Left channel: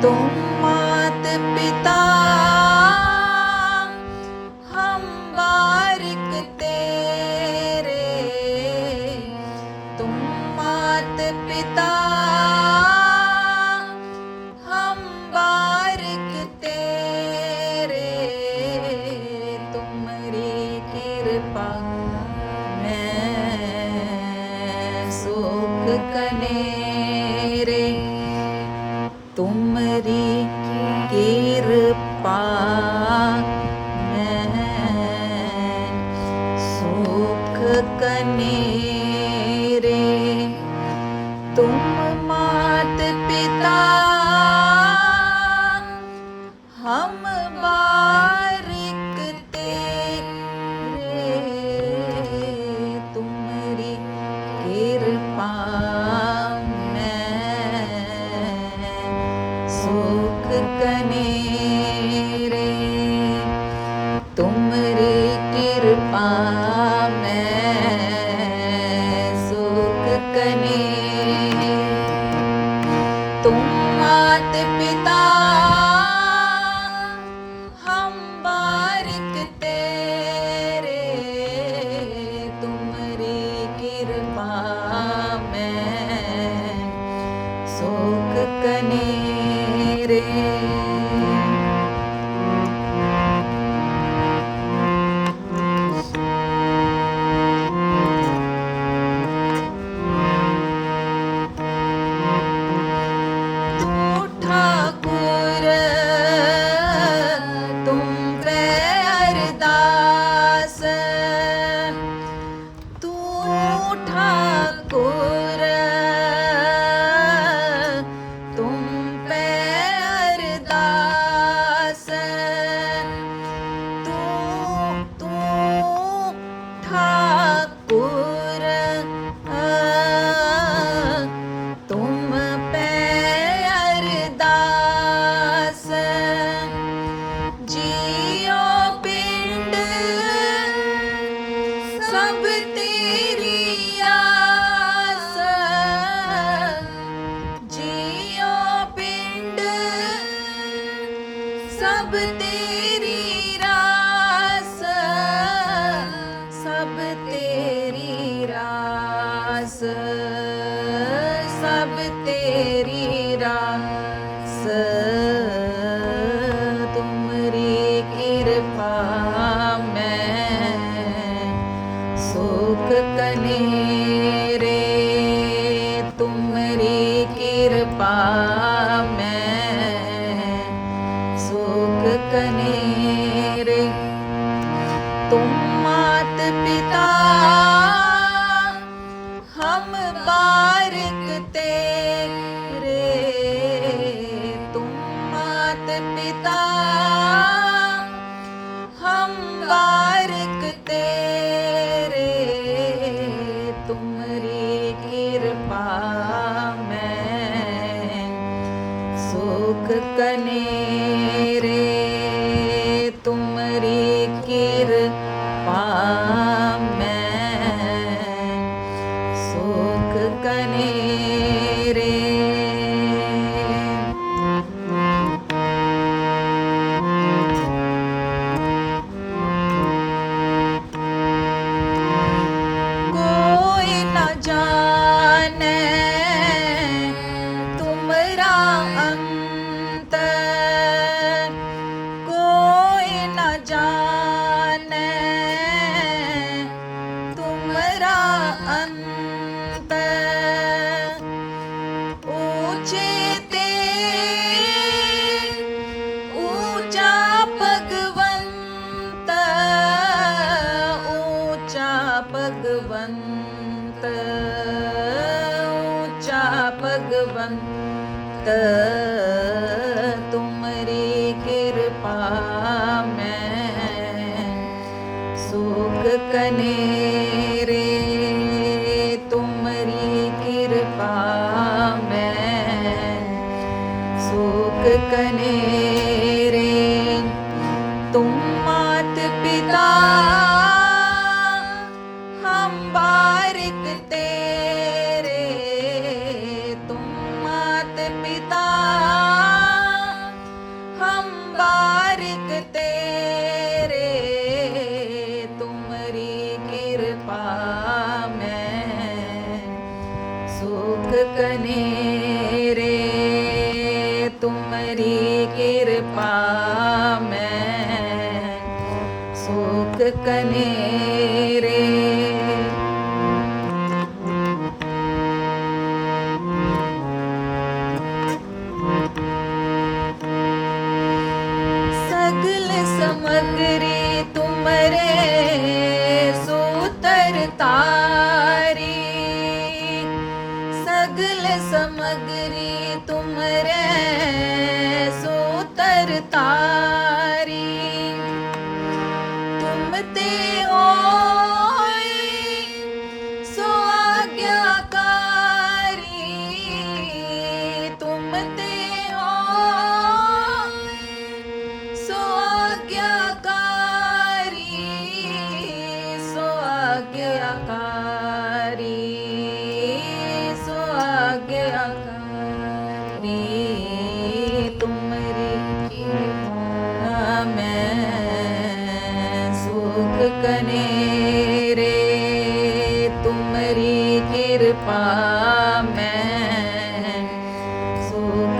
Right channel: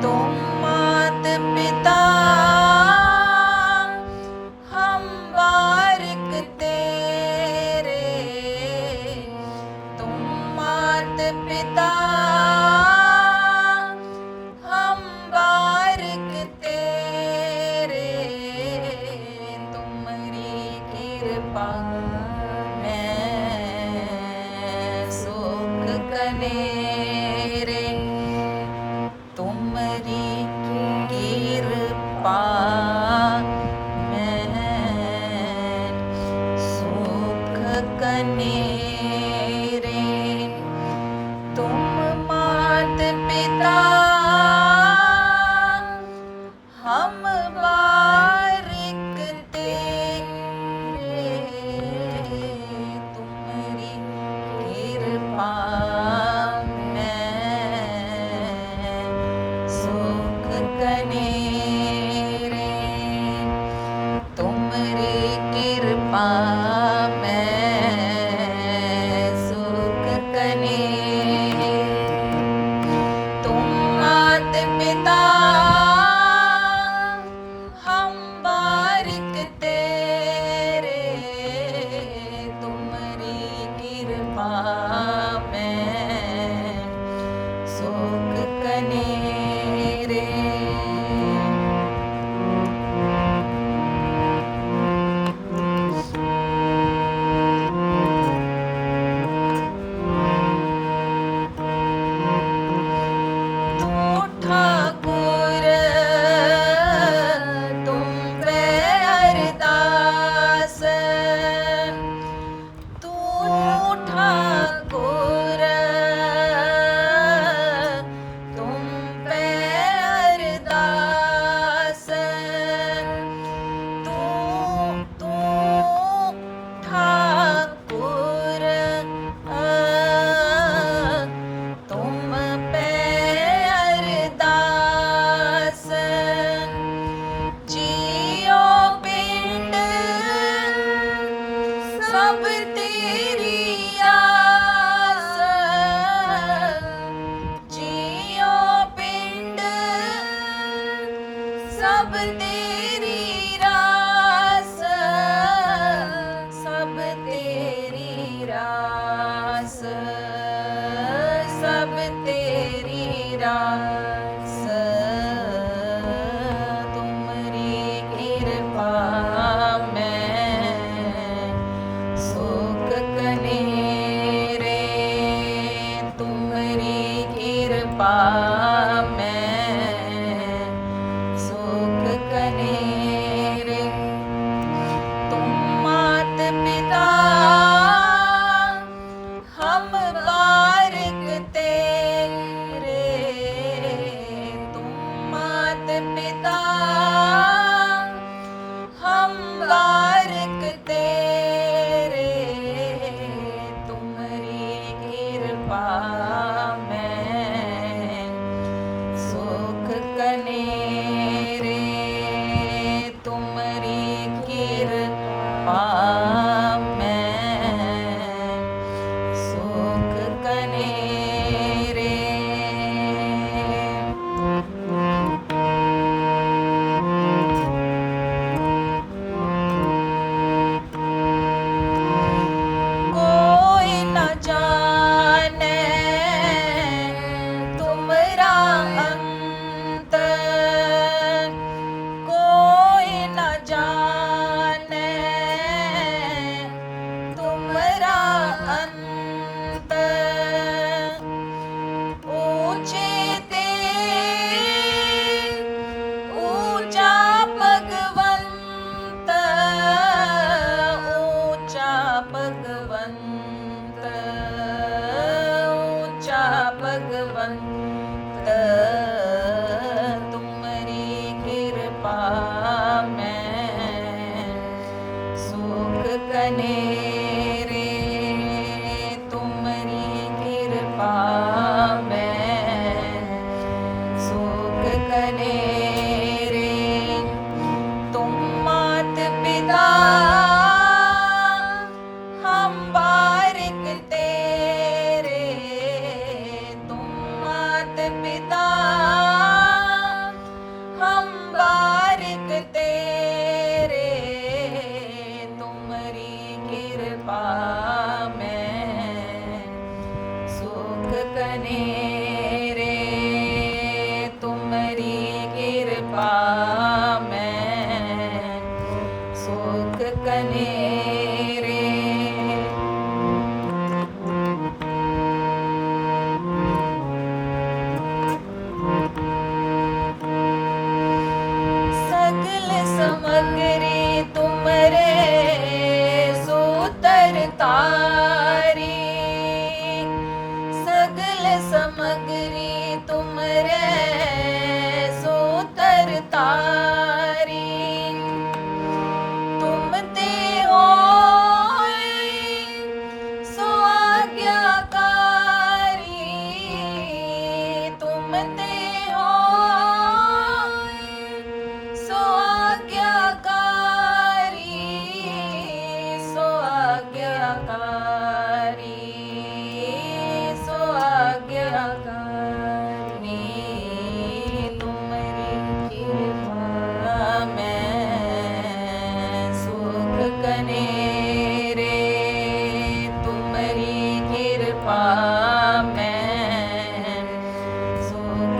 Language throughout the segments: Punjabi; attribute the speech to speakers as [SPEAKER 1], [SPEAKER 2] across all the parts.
[SPEAKER 1] дому. तेरी wabarakatuh. ലോകമേറെ സകല സമഗ്രേ തുമരേ സൂതര സകല സമഗ്രേ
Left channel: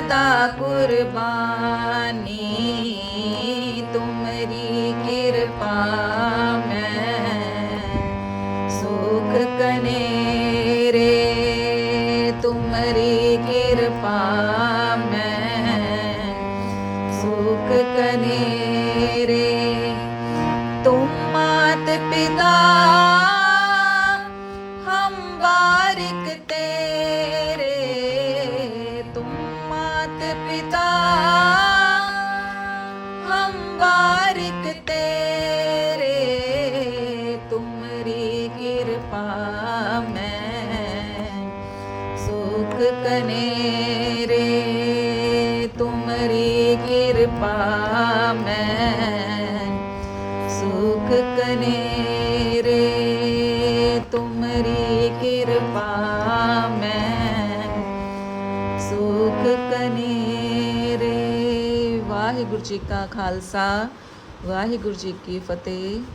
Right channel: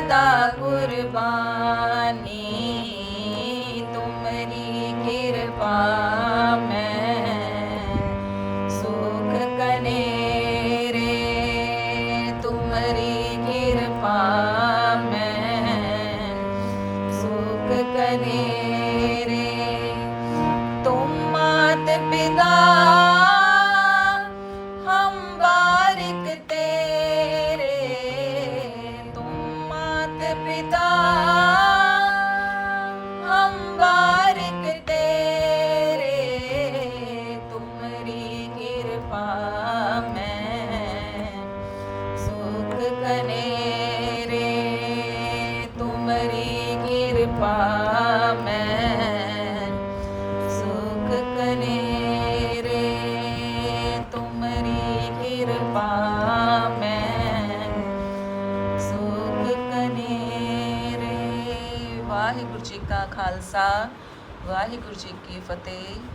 [SPEAKER 1] ਸਦਾ ਕੁਰਬਾਨੀ ਤੁਮਰੀ ਕਿਰਪਾ ਮੈਂ ਸੁਖ ਕਨੇ ਰੇ ਤੁਮਰੀ ਕਿਰਪਾ ਮੈਂ ਸੁਖ ਕਨੇ ਵਾਹਿਗੁਰੂ ਜੀ ਕੀ ਫਤਿਹ।